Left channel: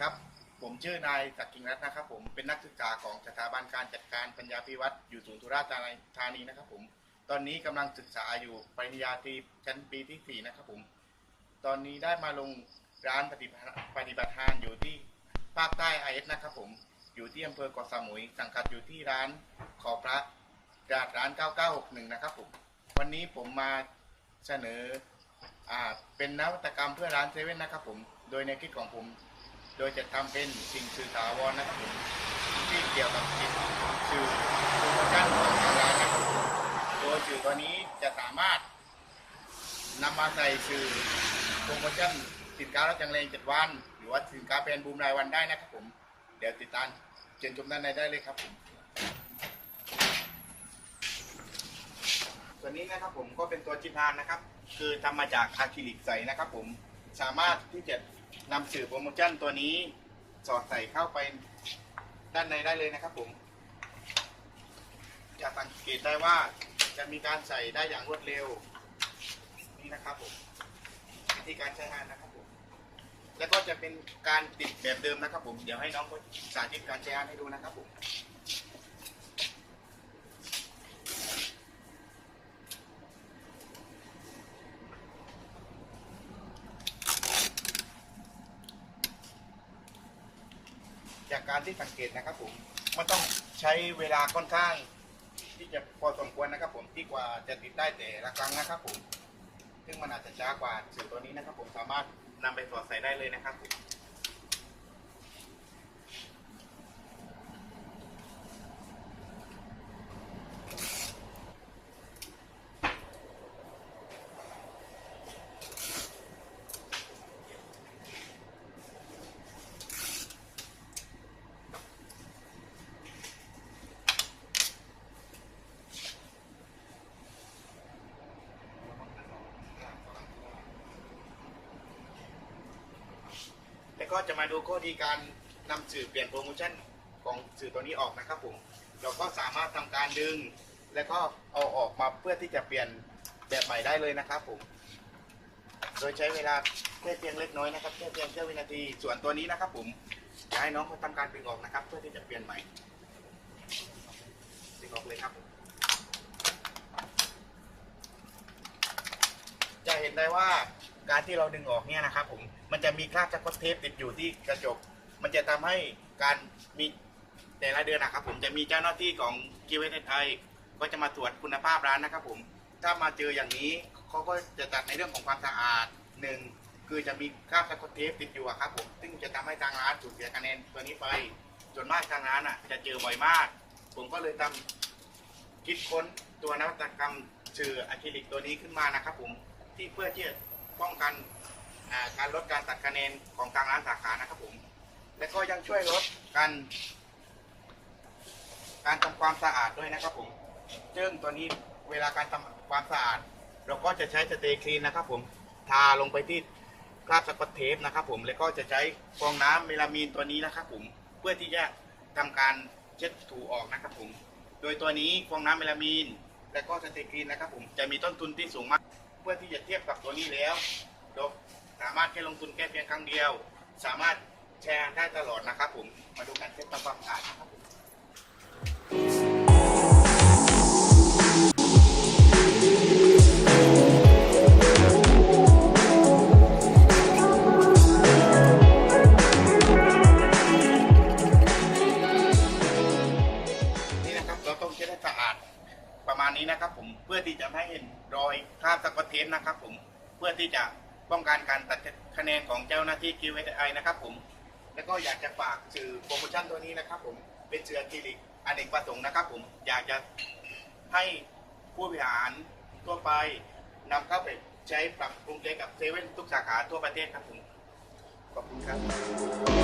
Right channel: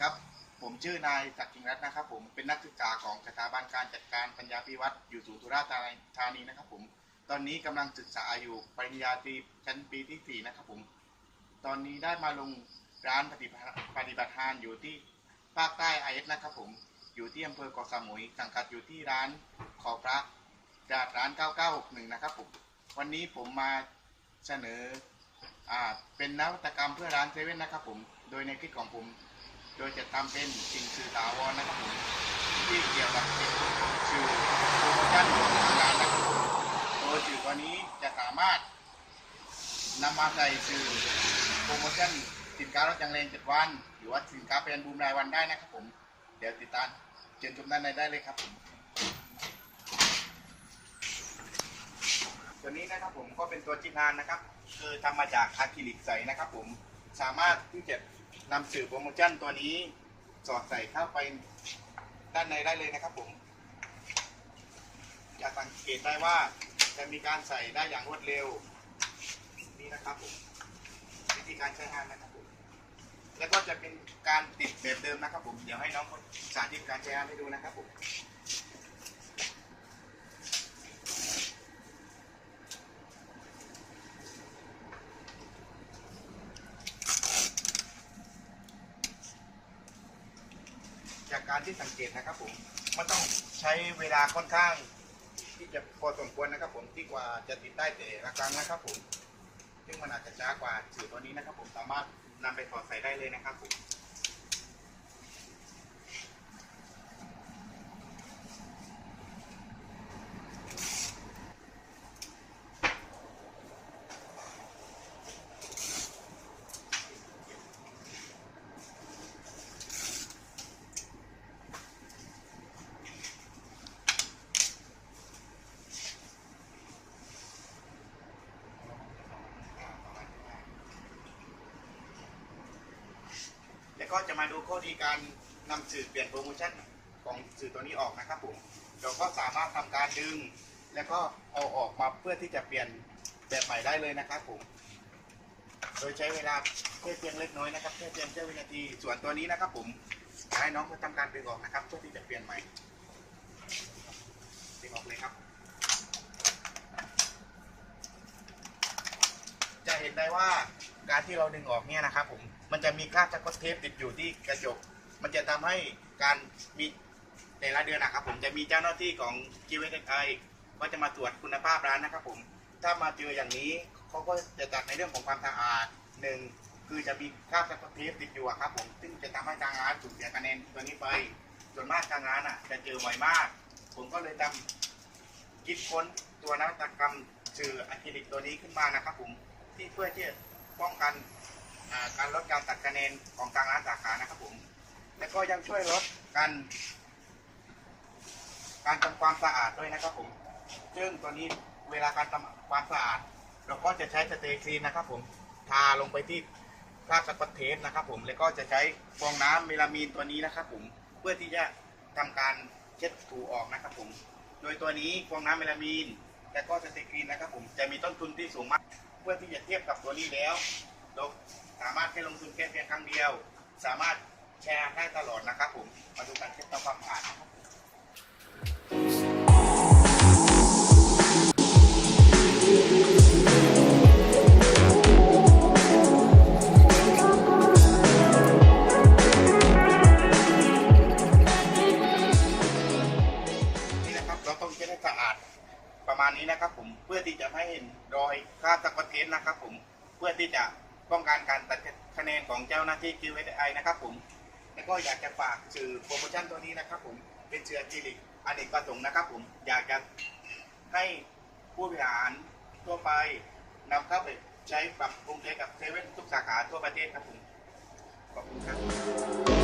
ครับ ผมชื่อนายศักดิ์กิงรัตน์นะครับ ผมเป็นนักศึกษาของสถาบันการจัดการปัญญาพิวัตรอยู่ศูนย์สุราษฎร์ธานีนะครับผมตอนนี้กำลังศึกษาอยู่ปริญญาตรีชั้นปีที่สี่นะครับผม ตอนนี้ได้มาลงร้านปฏิบัติปฏิบัติงานอยู่ที่ภาคใต้ไอเอสนะครับผม อยู่ที่อำเภอเกาะสมุย สังกัดอยู่ที่ร้านขอพระจาดร้าน 9961 นะครับผม วันนี้ผมมาเสนออเป็นนวัตกรรมเพื่อร้านเซเว่นนะครับผม โดยในคิดของผม โดยจะทำเป็นสิ่งสื่อถาวรนะครับผมที่เกี่ยวกับสื่อโปรโมชั่นของทางร้านนะครับโดยสื่อตัวนี้จะสามารถนำมาใส่สื่อโปรโมชั่นสินค้าลดจังเลงเจ็ดวัน หรือว่าสินค้าเป็นบูมรายวันได้นะครับผม เดี๋ยวติดตามเชิญชมด้านในได้เลยครับผมตัวนี้นะครับผมก็เป็นตัวจิตานนะครับ คือทำมาจากอะคริลิกใสนะครับผมสามารถที่จะ นำสื่อโปรโมชั่นตัวนี้สอดใส่เข้าไปด้านในได้เลยนะครับผมจะสังเกตได้ว่าจะมีการใส่ได้อย่างรวดเร็ว นี่นะครับผมวิธีการใช้งานนะครับผมแล้วก็จะเป็นการติดแบบเดิมนะครับผม เดี๋ยวให้น้องสาธิตการใช้งานให้ดูนะครับผม การที่สังเกตนะครับผมมันต้องใช้เวลาค่อนข้าง ที่จะพอสมควรนะครับผมที่กว่าจะติดได้แต่ละครั้งนะครับผมซึ่งมันอาจจะช้ากว่าสื่อตัวนี้นะครับผมสามารถนำไปถอดใส่ได้เลยนะครับผม แล้วก็จะมาดูข้อดีการนำสื่อเปลี่ยนโปรโมชั่นของสื่อตัวนี้ออกนะครับผม เราก็สามารถทำการดึง แล้วก็เอาออกมาเพื่อที่จะเปลี่ยนแบบใหม่ได้เลยนะครับผม โดยใช้เวลาแค่เพียงเล็กน้อยนะครับแค่เพียงแค่วินาที ส่วนตัวนี้นะครับผมจะให้น้องเขาทำการดึงออกนะครับ เพื่อที่จะเปลี่ยนใหม่ดึงออกเลยครับผมจะเห็นได้ว่า การที่เราดึงออกเนี่ยนะครับผมมันจะมีคราบสกอตเทปติดอยู่ที่กระจก มันจะทำให้การมีแต่ละเดือนนะครับ ผมจะมีเจ้าหน้าที่ของ q ีเวไทยก็จะมาตรวจคุณภาพร้านนะครับ ผมถ้ามาเจออย่างนี้เขาก็จะจัดในเรื่องของความสะอาดหนึ่งคือจะมีคราบสกอตเทปติดอยู่ครับ ผมซึ่งจะทำให้ทางร้านสูญเสียคะแนนตัวนี้ไปส่วนมากทางร้านอะ จะเจอบ่อยมาก ผมก็เลยทำคิดค้นตัวนวัตกรรมสื่ออะคริลิกตัวนี้ขึ้นมานะครับ ผมที่เพื่อที่ ป้องกันการลดการตัดคะแนนของทางร้านสาขานะครับผม และก็ยังช่วยลดการการทำความสะอาดด้วยนะครับผมซึ่งตัวนี้เวลาการทำความสะอาด เราก็จะใช้สเตย์คลีนนะครับผม ทาลงไปที่คราบสกอตเทปนะครับผมแล้วก็จะใช้ฟองน้ำเมลามีนตัวนี้นะครับผมเพื่อที่จะทำการเช็ดถูออกนะครับผม โดยตัวนี้ฟองน้ำเมลามีน และก็สเตย์คลีนนะครับผมจะมีต้นทุนที่สูงมาก พื่อที่จะเทียบกับตัวนี้แล้วเราสามารถแค่ลงทุนแค่เพียงครั้งเดียว สามารถแชร์ได้ตลอดนะครับผม มาดูการเช็ดทำความสะอาดนะครับ มาณนี้นะครับ ผมเพื่อที่จะไม่เห็นรอยคราบสกอตเทปนะครับ ผมเพื่อที่จะป้องกันการตัดคะแนนของเจ้าหน้าที่ QSI นะครับผมแล้วก็อยากจะฝากสื่อโปรโมชั่นตัวนี้นะครับ ผมเป็นเสือจีริกอเนกประสงค์นะครับ ผมอยากจะให้ผู้บริหารทั่วไปนำเข้าไปใช้ปรับปรุงใช้กับเซเว่นทุกสาขาทั่วประเทศครับผมขอบคุณครับ